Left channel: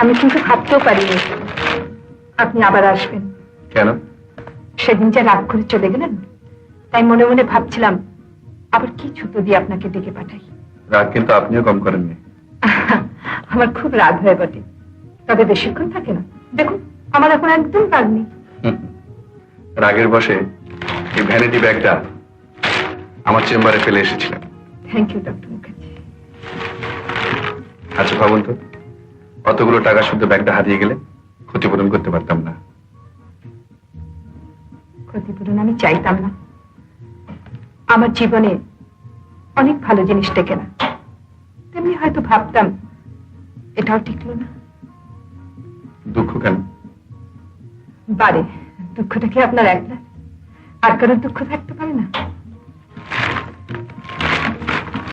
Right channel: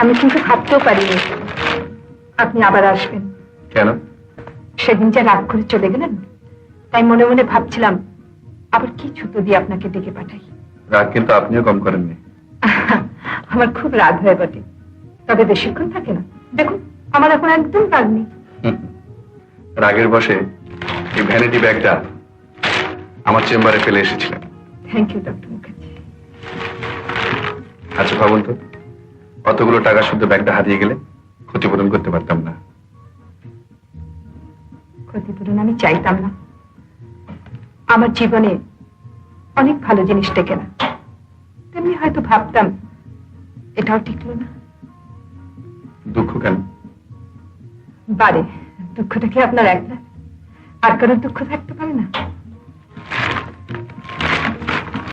আমি কিন্তু ভাবতেও পারিনি আপনি আবার আসবেন। কেন? সেদিন যা রাগ করে চলে গেলেন, তাই মনে মনে ভাবছিলাম আবার কি ছুতো দিয়ে আপনাকে ডেকে পাঠাই। রাগ কিন্তু আপনিও কম করেননি। আমার খুব রাগ হয় বটে, তবে বেশিক্ষণ থাকে না। দেখুন আমার এখন একদম রাগ নেই। রাগের বসে এই ভ্যানিটি ব্যাগটা আমার চেম্বারে ফেলে এসেছিলাম। Thank you doctor Mukherjee. আচ্ছা ভাবুন তো, অতগুলো টাকা শুদ্ধ ব্যাগটা হারিয়ে গেলে ক্ষতিপূরণ করতে পারতাম না। ক্ষতিপূরণ আমি চাইতাম না। আমার জীবনে অনেক ভালো জিনিস টেকে না, তেমনি হয়তো ভাবতাম এটাও টিকলো না। দুঃখ কেন? বারে দুঃখটা কি আপনার একলা? আর কারোর দুঃখ থাকতে পারে না?